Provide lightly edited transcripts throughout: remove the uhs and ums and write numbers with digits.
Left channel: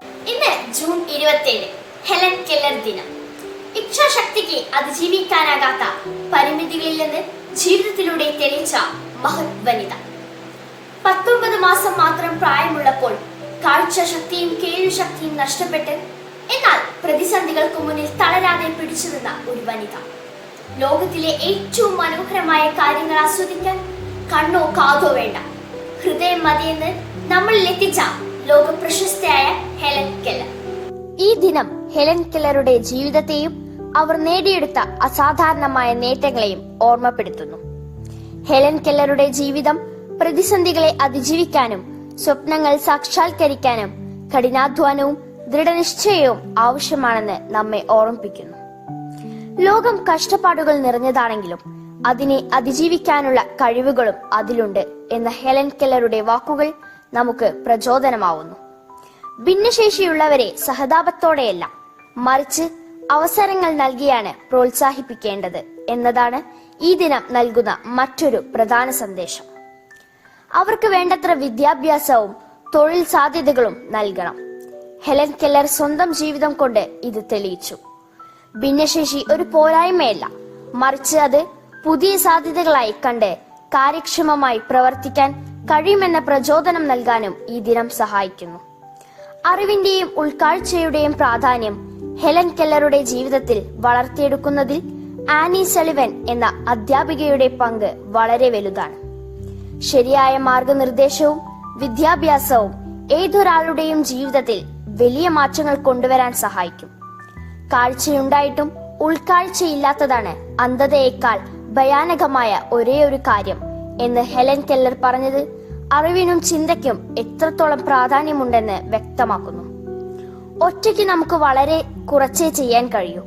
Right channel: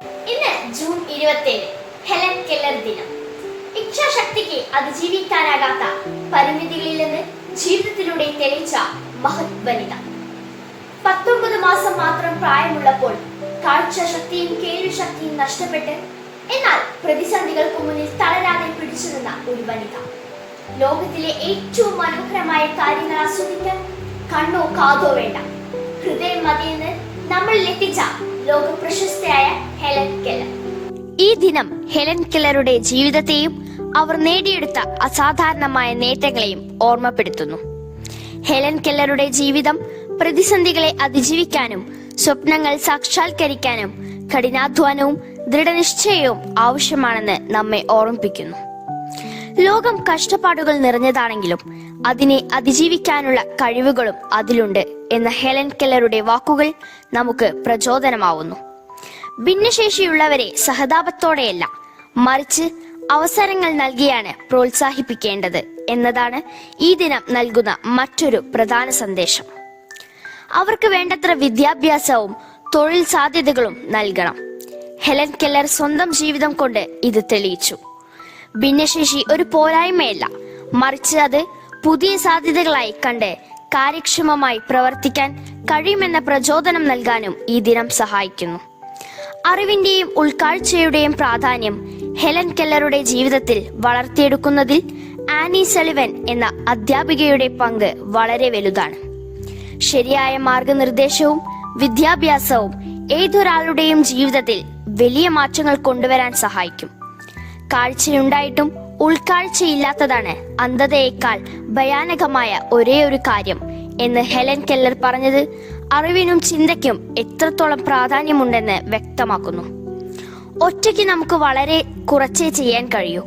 ഇന്ന് June 27 Helen Keller ദിനം. ഇച്ഛാശക്തിക്ക് അതിജീവിക്കാനാകാത്ത പരിമിതികളിൽ നിന്ന് ജീവിതത്തിലൂടെ തെളിയിച്ച മഹത് വനിത. 19 മാസം മാത്രം പ്രായമുള്ളപ്പോൾ കാഴ്ചശക്തിയും കേൾവിശക്തിയും നഷ്ടപ്പെട്ട് എന്നാൽ പ്രതിസന്ധികൾക്ക് മുന്നിൽ തളരാതെ പിടിച്ചു നിന്ന ഒരു വനിത. ലോകത്തിലെ ഏറ്റവും മനോഹരമായ കാര്യങ്ങൾ ആസ്വദിക്കാൻ കണ്ണോ കാതോ വേണ്ട, ഹൃദയം മതിയെന്ന് നമ്മളിൽ എത്തിച്ച ലോക പ്രശസ്തയായ ഹെലൻ കെല്ലർ. ഈ ദിനം ഹെലൻ കെല്ലറുടെ ജീവിതത്തെയും അവർ നേടിയെടുത്ത അസാധാരണമായ നേട്ടങ്ങളെയും ഓർമ്മപ്പെടുത്തുന്നു. ഹെലൻ കെല്ലറുടെ ജീവിതം പ്രതിസന്ധികളെ അതിജീവിക്കാനും സ്വപ്നങ്ങൾ സാക്ഷാത്കരിക്കാനും കഠിനാധ്വാനവും ദൃഢനിശ്ചയവും ആവശ്യമാണെന്ന് നമ്മെ ഓർമ്മിപ്പിക്കുന്നു. ലോകം കഷ്ടപ്പാടുകൾ നിറഞ്ഞതാണെങ്കിലും അതിനെ അതിജീവിക്കാനുള്ള കഴിവുകളും അതിലുണ്ട് എന്ന ഹെലൻ കെല്ലറുടെ വാക്കുകൾ നമുക്ക് പ്രചോദനമാവുന്നു. ഭിന്നശേഷിയുള്ളവരെ സഹതാപത്തോടെയല്ല, മറിച്ച് അവസരങ്ങൾ നൽകിയാണ് പ്രോത്സാഹിപ്പിക്കേണ്ടത് എന്നതാണ് ഈ ദിനം നൽകുന്ന മറ്റൊരു പ്രധാന സന്ദേശം. അവർക്ക് വേണ്ടത്ര വിദ്യാഭ്യാസവും തൊഴിൽ സാധ്യതകളും നൽകണം. ഹെലൻ കെല്ലർ സ്വന്തം ജീവിതം കൊണ്ട് ഇത് തെളിയിച്ചു. ഭിന്നശേഷി ഒരു പോരായ്മയല്ല, മറിച്ച് അത് പുതിയ സാധ്യതകളായി കണ്ട് കാര്യക്ഷമമായി പ്രവർത്തിക്കാൻ കഴിയുമെന്ന പ്രചോദനം നൽകാനും ഈ ദിനം സഹായിക്കുന്നു. അറിവിന്റെയും ഉൾക്കാഴ്ചയുടെയും പ്രാധാന്യം ഹെലൻ കെല്ലറുടെ ജീവിതത്തിൽ വളർത്തിയെടുക്കുന്നതിൽ ആനി സളിവൻ എന്ന അധ്യാപികയുടെ പങ്ക് വളരെ വലുതാണ്. ശരിയായ മാർഗനിർദ്ദേശവും വിദ്യാഭ്യാസവും ഏതൊരാളുടെയും ജീവിതത്തിൽ വലിയ മാറ്റങ്ങൾ കൊണ്ടുവരാൻ സഹായിക്കും. കാഴ്ചയുണ്ടായിട്ടും ഉൾക്കാഴ്ചയില്ലാത്തതാണ് അന്ധതയേക്കാൾ ഭയാനകമായ ഒരേ ഒരു കാര്യം എന്ന് ഹെലൻ കെല്ലർ പറഞ്ഞത് അറിവിനും ചിന്തയ്ക്കും എത്രത്തോളം പ്രാധാന്യമുണ്ടെന്ന് വ്യക്തമാക്കുന്നു. ഒറ്റയ്ക്ക് നമുക്ക് വളരെ കുറച്ചേ ചെയ്യാൻ കഴിയൂ,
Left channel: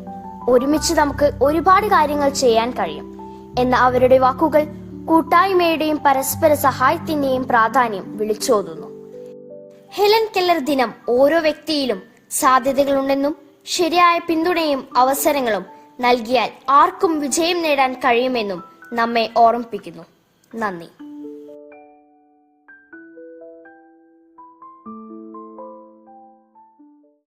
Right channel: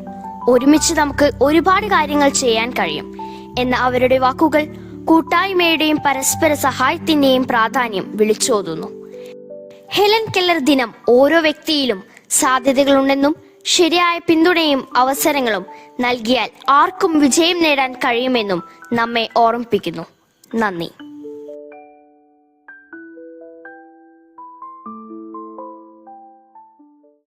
ഒരുമിച്ച് നമുക്ക് ഒരുപാട് കാര്യങ്ങൾ ചെയ്യാൻ കഴിയും എന്ന അവരുടെ വാക്കുകൾ കൂട്ടായ്മയുടെയും പരസ്പര സഹായത്തിന്റെയും പ്രാധാന്യം വിളിച്ചോതുന്നു. ഹെലൻ കെല്ലർ ദിനം ഓരോ വ്യക്തിയിലും സാധ്യതകളുണ്ടെന്നും ശരിയായ പിന്തുണയും അവസരങ്ങളും നൽകിയാൽ ആർക്കും വിജയം നേടാൻ കഴിയുമെന്നും നമ്മെ ഓർമ്മിപ്പിക്കുന്നു. നന്ദി.